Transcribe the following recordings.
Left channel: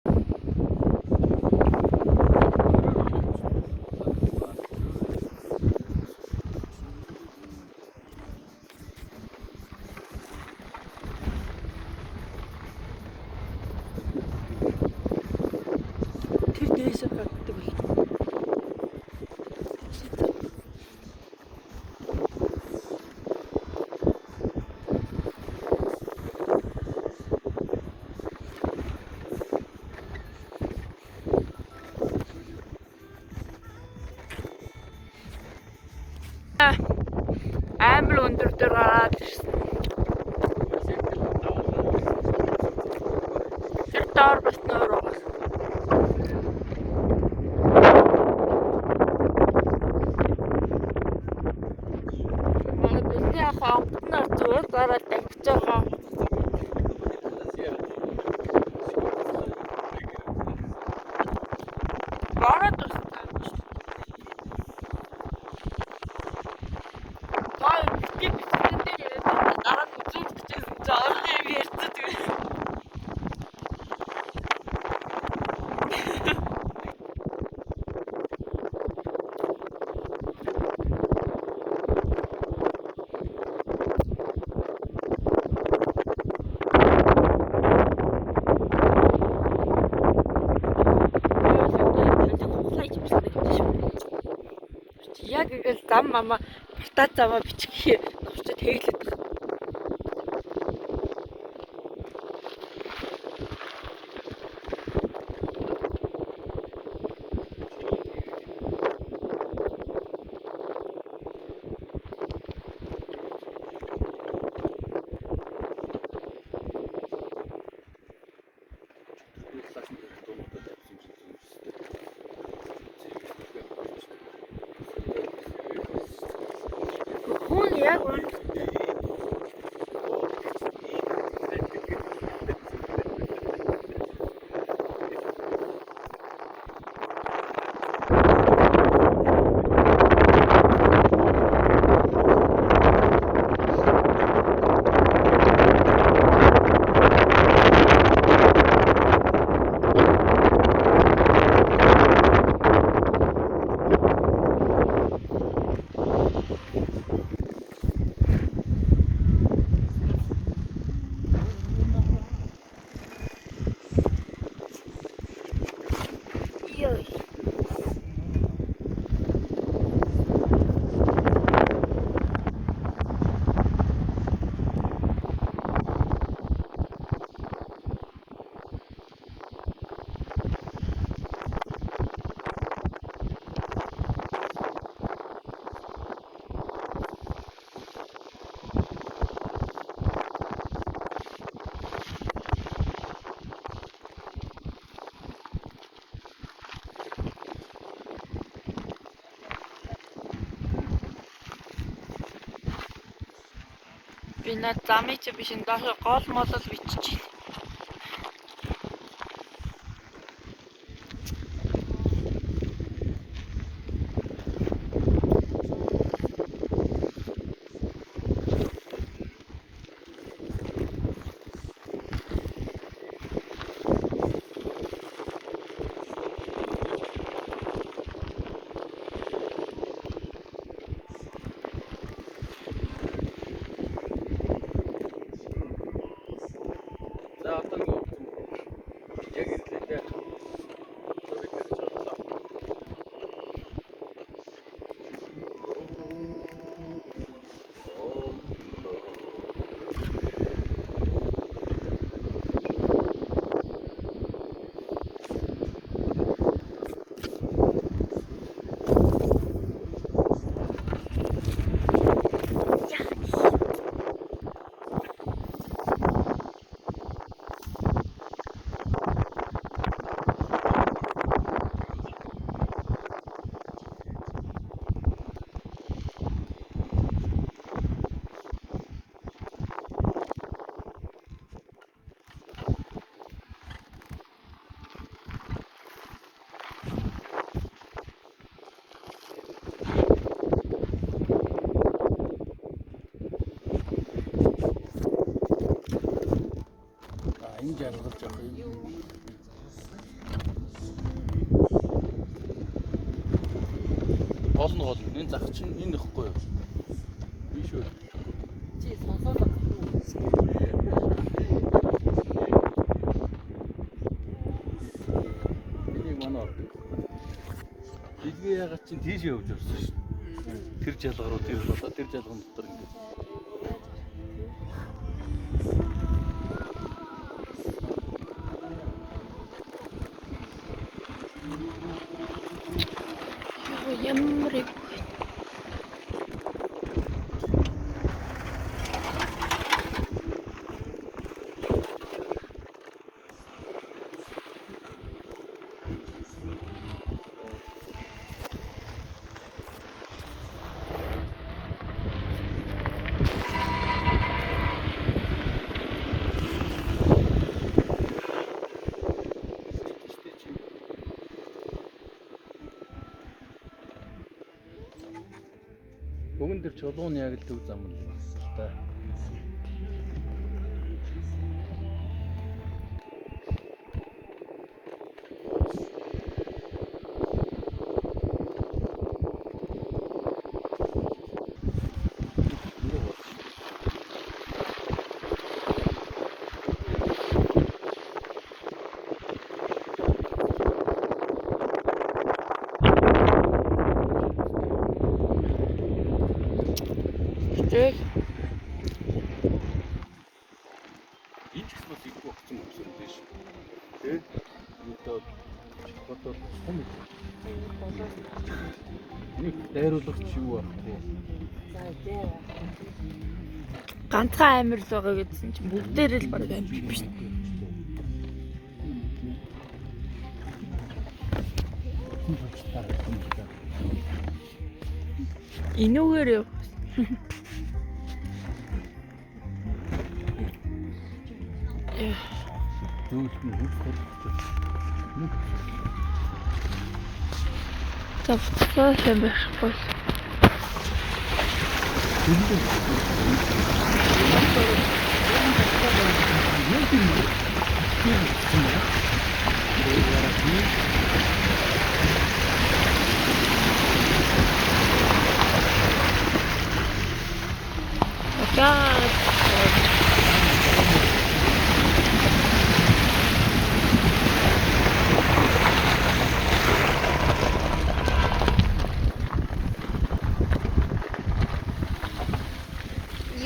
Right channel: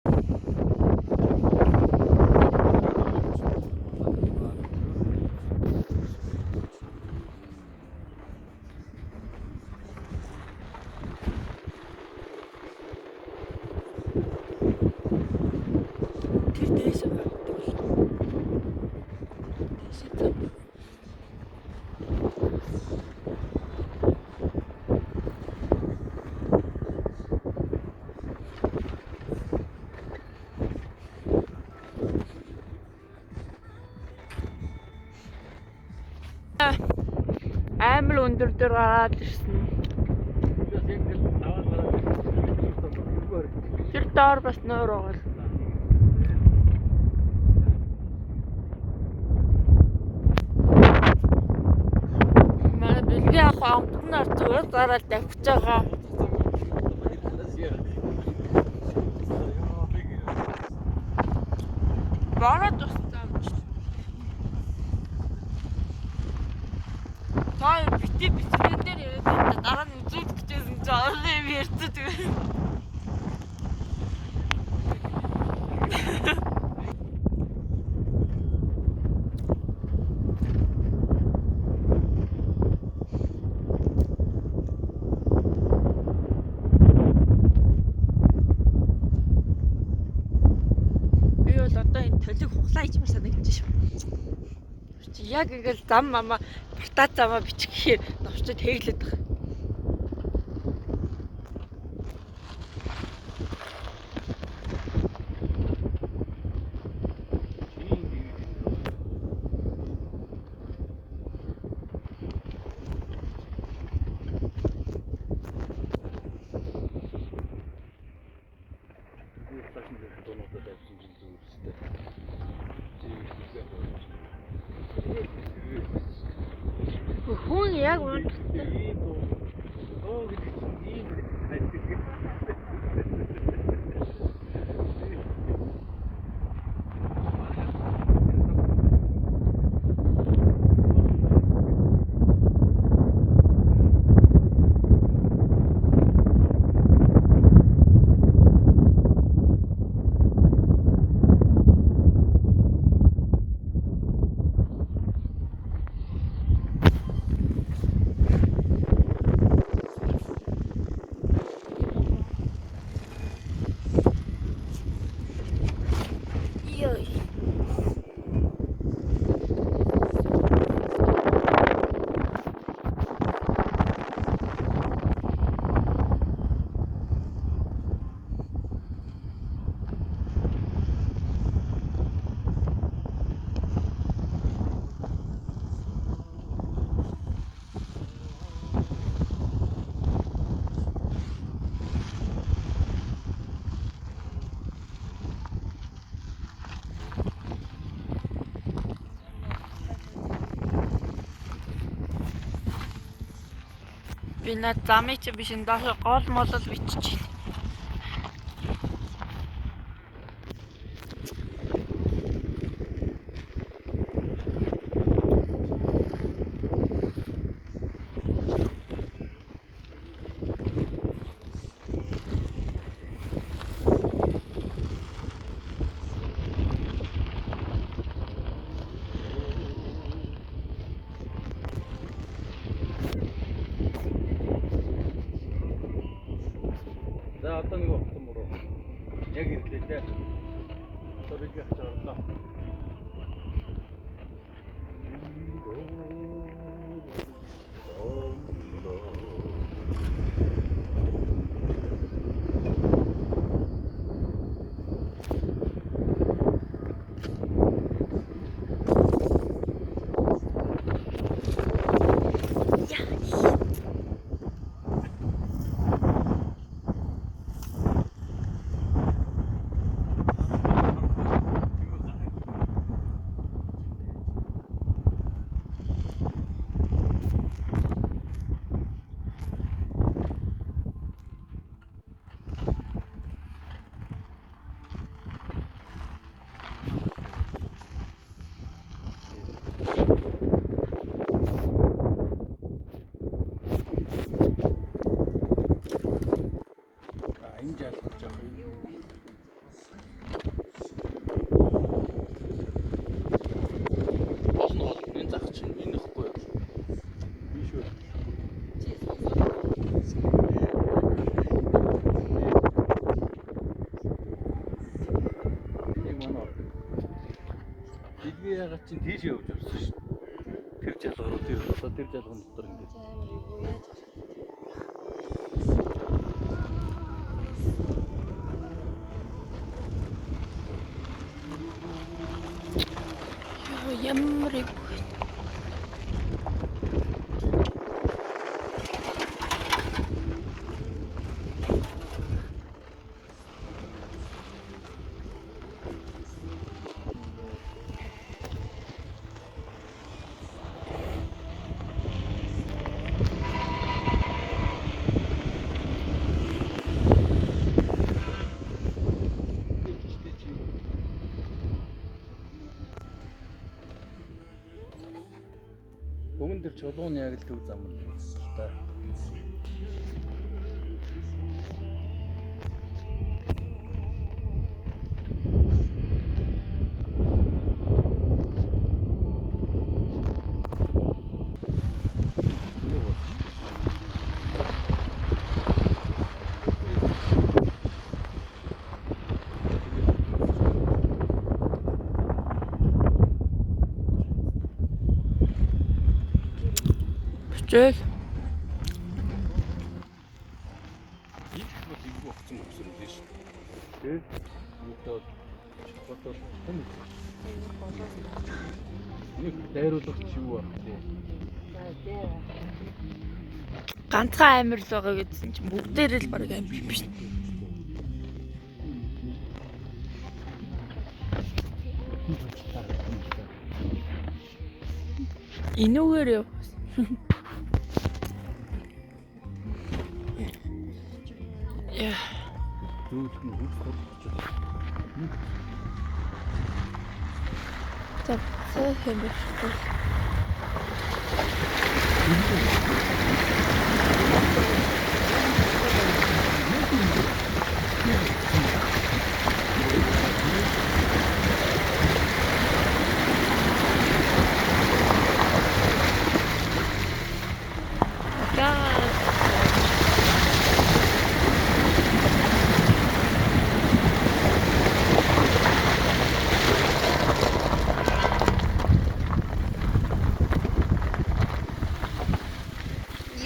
Тэрнээс гаддаг. Амар өндөр дээр гараад ирсэн. Тэр доор бас нойр байгаа. Манай бэлгийн ахаа амтнаар зүгээр гараад тавьж байгаа. Бараад тустай. Той битэн дээр яриад дараа нь үзүүлж гэжсэн чи орой юм ярьцдаг. Яг ингээл зам мама бутаа замаа бичихээр навчад хэглээд байгаа. Хүн яг үнэтэй. Йой. Би над замыг чи биш энэ доош гол молол бичиж байна. зах чинь энэ ихгүй. Би шүү. Чи сонсоод Энийг манай ордог. Дэлгээ ягаад чинь тийш явж орсон шүү. Тэр жалгаар руу тэр жалгын дотор ингээд. ямар их Бүгэн дээр чулуун яг л төв зам л та. Жиг Ийхмэл их огцон өгсөн юм биш. Тэгээд одоо том нэг дайруулагч юу баг тий. ганцхан амир л байгаа гэдсэн чинь бүгдээр л баг амир биш. Инүүгээр яв. Яа. Тавцаа хэмэхгүй.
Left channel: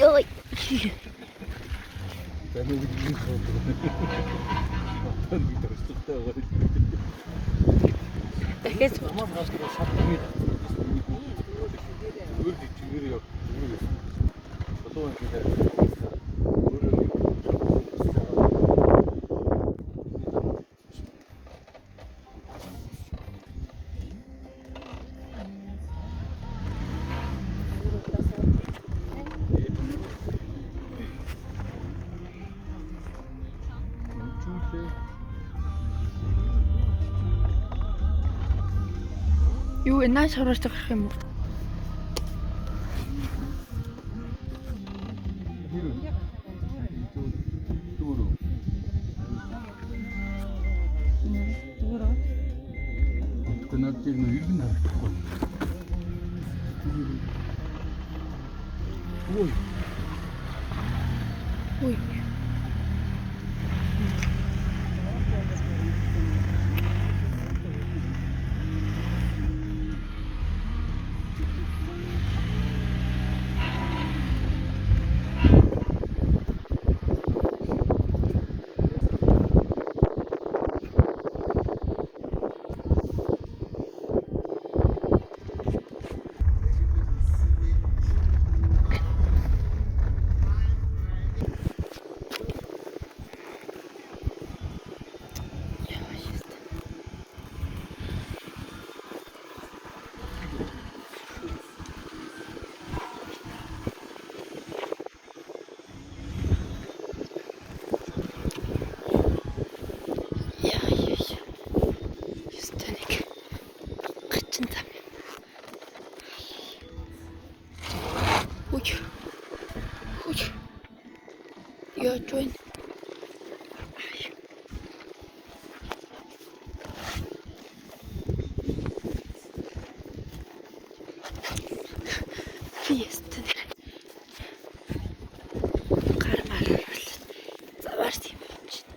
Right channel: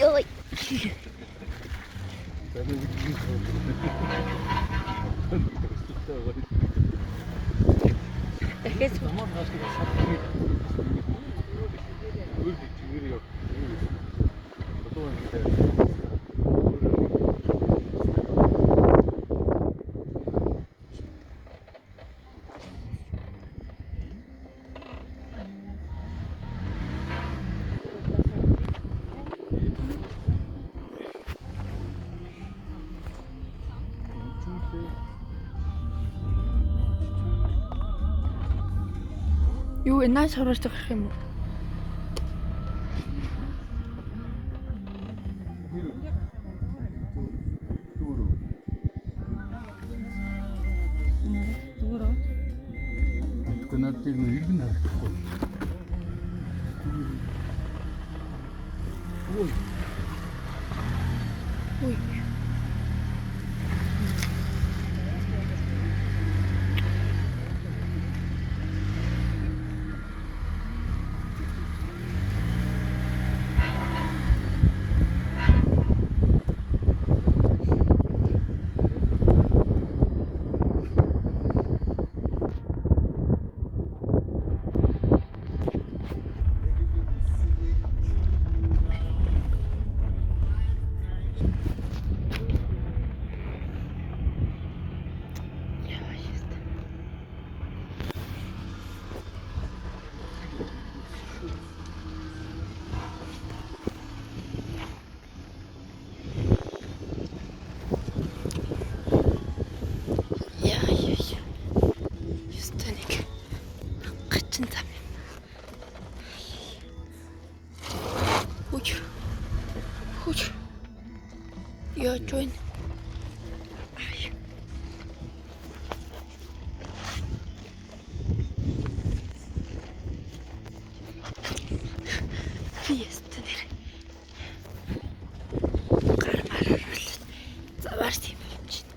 Йой. Дахиад Мөн маш их шатны. Үгүй чигээр яг. Одоо ингээд юу энэс харж гарах юм уу? Надад нэг иргэн харагдахгүй. Ой. Ой. Yo join. Фиестер. Гар мараа бол заваарс юм чинь.